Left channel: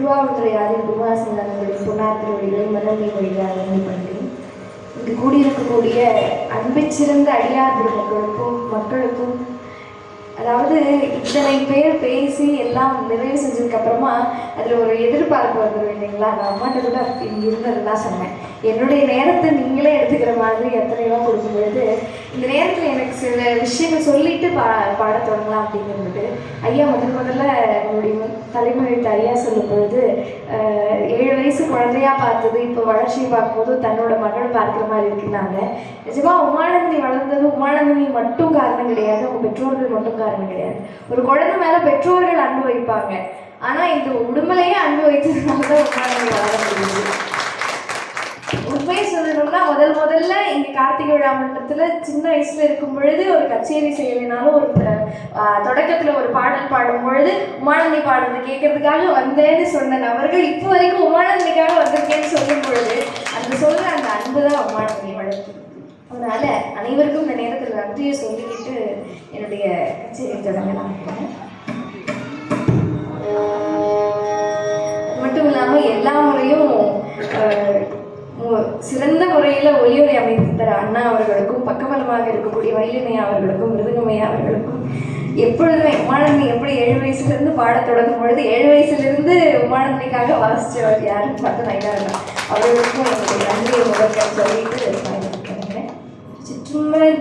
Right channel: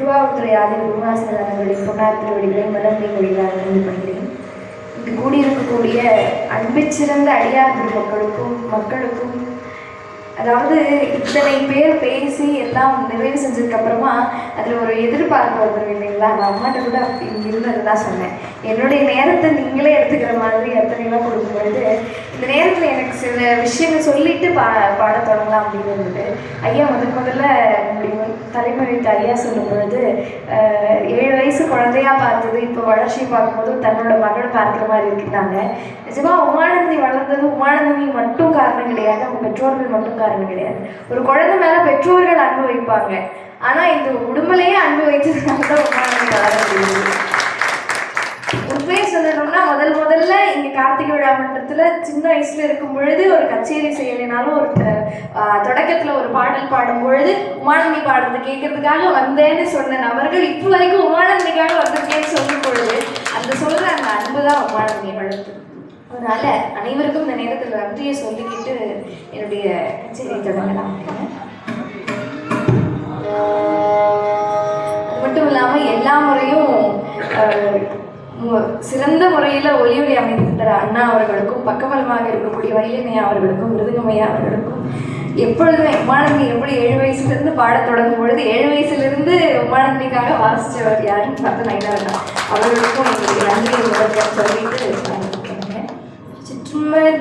திருவாவூர் ஆதி குருவாசனங்களுடைய பொன்னார் திருவடிகளை மனமே மொழிகளாக நன்றி பண்ணுறேன். இங்கு கூடியிருக்கக்கூடிய அன்பை சிறந்த அடியார் மக்களுக்கும் அதாவது இத்தனை பேர் பேசி எல்லாம் நிறைவு செஞ்சதுக்கப்புறமா அதில் ஒரு எதிர்பார்ப்பு வந்துடும் இல்லைங்களா? நான் அம்மாட்ட கூட இங்கே இருந்ததுதான் சொன்னேன், என்னுடைய நேரத்தை நீங்களே எடுத்துக்கிற மாதிரி எத்தனைலாம் கொடுக்கும் பொழுது இந்த நேரத்தில் எனக்கு சில விஷயங்கள் சொல்லிட்டு பாட தொடங்கலாம் அப்படின்னு இருந்தது. ஐயா முதல்ல நம்முடைய தலைமொழித்து ஐயா சொல்லும் பொழுது 7 வயசு குழந்தையா பார்த்தது இப்போ வளர்ச்சியை பார்க்கும்போது தன்னோட மகளை பார்க்குற மாதிரி இருக்குன்னாங்க. நிஜமாக உமானந்தி வளர்ந்தது உமானந்தி மட்டும் காரணம் கிடையாது, அவங்க பெற்றோர்கள் மட்டும் காரணம் கிடையாது. ஒரு குழந்தை மேலே பெற்றோர்கள் அன்பு வைப்பாங்க, ஆனால் இந்த உடம்புலையே அன்பு வைத்ததுனால தான் உமானந்தி வளர்ந்து. உண்மையை சொல்லணும்னா முதல்ல இங்கே கார்த்திகை விழா மன்றத்தில் சின்ன வயசுல இருக்கும் பொழுது ஒரு கச்சேரி செய்யலைனாலும் ஒரு தொடக்கத்தில் ஒரு பாடல் பாடும் பொழுது உமானந்தி பாடுறது கேட்கறதுக்காக வந்தேன்னு சொன்ன நபர்கள் இப்போ வரைக்கும் உமானந்திக்காக வந்திருக்கேன்னு சொல்லும் பொழுது அந்த சொல்ற அந்த அன்பு தான் உமானந்தியை வளர்த்து. அதனால அனைவருக்கும் இந்த நேரத்தில் நன்றியை சொல்லிக்கிட்டு என்னுடைய கச்சேரி தொடங்கலாம். அது மட்டும் இல்லாமல் எல்லா முறையும் சிறந்த முறையில் ஒலி அமைத்து தர அண்ணா அவர்களுக்கும் பக்கபலமாக இருக்கக்கூடிய வயலினையா அவர்களுக்கும் மிருதங்கமையா அவர்களுக்கும் எப்பொழுதுமே உமானந்தி எப்படி 7 வயசுலேருந்து பாடத் தொடங்கும் பொழுது 7 வயசுலேருந்து உமானந்திக்காக வாசித்தவர் யாருன்னு பார்த்து நைட்டவர்கள் அவர்களுக்கும் என்னுடைய நன்றியை முதல்ல சொல்லிட்டு சிற்றுமர்